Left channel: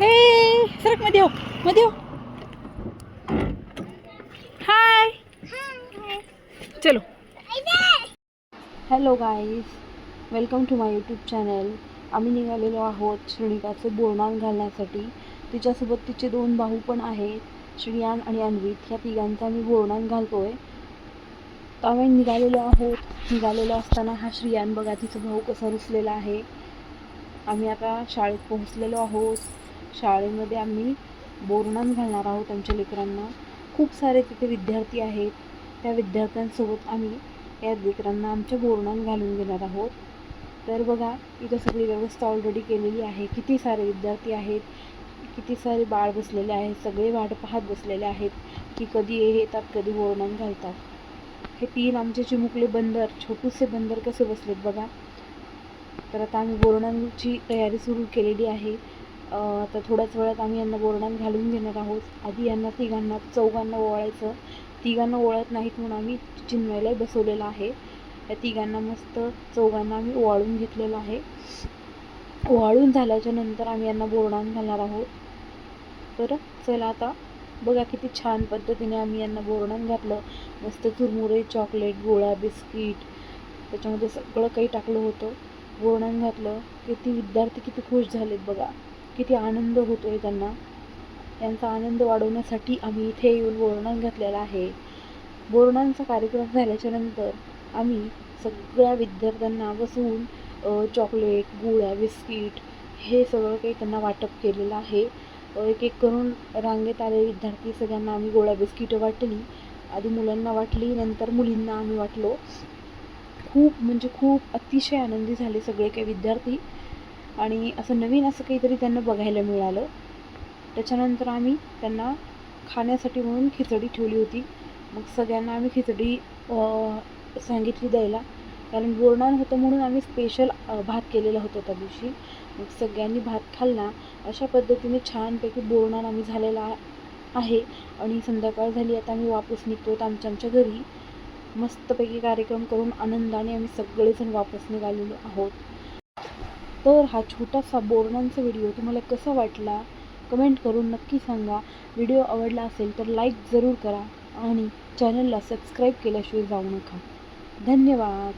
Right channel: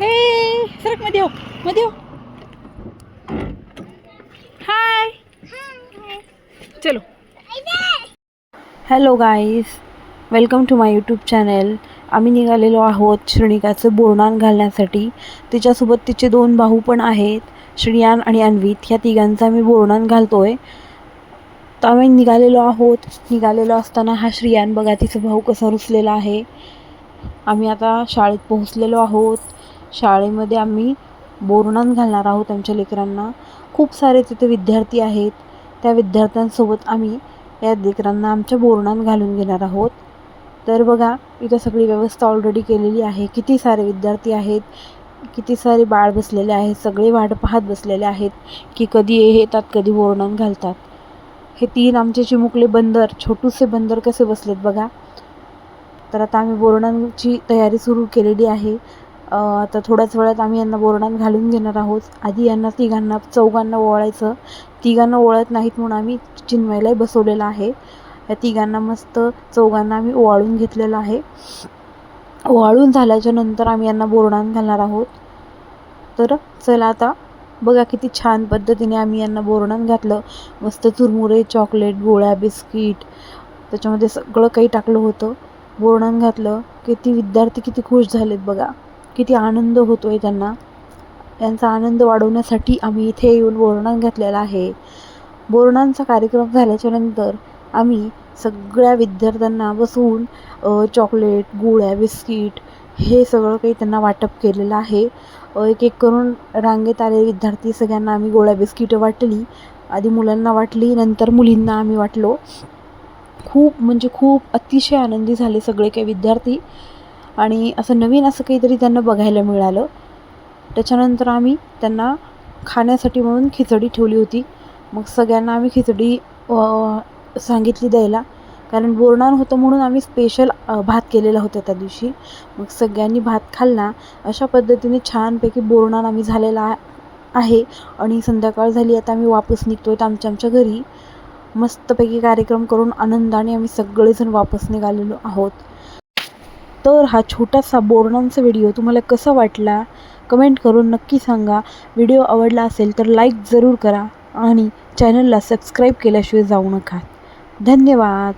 हे सरक मध्ये हो, मध्ये हो. हाय, चलो. Hello guys, welcome to my YouTube channel. आम्ही निघालेलो आहोत श्रेणिकाचं बोरनान घालण्यासाठी. तिच्यासोबत तिचे 2 भाऊ पण आहेत, श्रियान आणि अन्वित. ह्या तिघांचा आम्ही बोरनान घालतोय. तर आम्ही निघालेलो आहोत. निघालेलो असताना हा श्रियान बघा, तिचा भाऊ कसा रुसलेला आहे. आम्ही आता शाळेत पोहोचलेलो आहोत. शाळेमध्ये आम्ही बोरनान घालणार आहोत आमच्या लेकरांना. खूप सारे तिथे विद्यार्थी आहेत. त्या विद्यार्थ्यांसोबत आम्ही या लेकरांना आमच्या बोरनान घालून घेणार आहोत. तर बघा, इथं सगळी व्यवस्था ऑलरेडी केलेली आहे. किती सारे विद्यार्थी आहेत, किती सारे बाळ बसलेले आहेत. सगळे वाट पाहत बसलेले आहेत की कधी येतात, कधी बोरनान घालतात. हे 3 आमचे चिमुकले बंदर, छोटूसे बंदर कसे बसलेत बघा. तर आता आम्ही बोरनांची तयारी सुरू केलेली आहे. आता थोड्याच वेळात आम्ही यांना बोरनान घालून घेणार आहोत. आधी यांना चौघांना ओवाळायचं. तिघांना ओवाळत नाहीत म्हणून आम्ही चिन्मयलाही बसवलेलं आहे. या तिघांना मस्त चौघांना आम्ही ओवाळून घेतलेलं आहे. ओवाळून झाल्याच्या नंतर आम्ही यांना बोरनान घालणार आहोत. तर चला आता बघा, किती छान पद्धतीने आम्ही यांना बोरनान घातलं. मस्त चुरमुरे, चॉकलेट, गोळ्या, बिस्किट, त्याच्यामध्ये सगळं काही टाकलं होतं. बोरनान घातलं. किती विद्यार्थी किती खुश झालेत बघा. किती आनंद होतो आहे त्यांना. यांचा आनंद वाढवण्यासाठी आम्ही इथे येऊन बोरनान घातलेला आहे. बोरनानचा कार्यक्रम झाल्याच्या नंतर आम्ही सगळ्या विद्यार्थ्यांना बसवून चॉकलेट, गोळ्या, बिस्किट हे सगळं काही त्यांना वाटप केलेलं आहे. एक एक करून रांगेत आलेले विद्यार्थी सगळ्यांना आम्ही गोळ्या बिस्किटं वाटली. आधी मुलांना वाटली, नंतर मुलींना आम्ही वाटलो. खूप म्हणजे खूप अतिशय आनंदी झाले सगळे काही विद्यार्थी. आणि असं नवीन असं काहीतरी त्यांना बघायला मिळालं. त्याच्यानंतर आम्ही त्यांना खाण्यासाठी म्हणून खिचडी ठेवली होती. मग सगळ्यांना आम्ही खिचडी सांगितली द्यायला, कारण बोरनान होतं म्हणून आम्ही स्पेशल भात केलेला होता त्या दिवशी. मग सगळ्यांनी भात खाल्ला. अशा पद्धतीने छानपैकी बोरनान आम्ही झालेला आहे. आणि संध्याकाळ झाली, आता आम्ही वापस निघतो आहे आमच्या घरी. मस्तपैकी कार्यक्रम करून आनंदाने आम्ही सगळेजण वापस निघालेलो आहोत. तर हा छोटासा बोरनानचा व्हिडिओ तुम्हाला कसा वाटला कमेंट करून नक्की सांगा. व्हिडिओ आवडला असेल तर लाईक जरूर करा आणि चॅनलला सबस्क्राईब केल्याशिवाय जाऊ नका. धन्यवाद.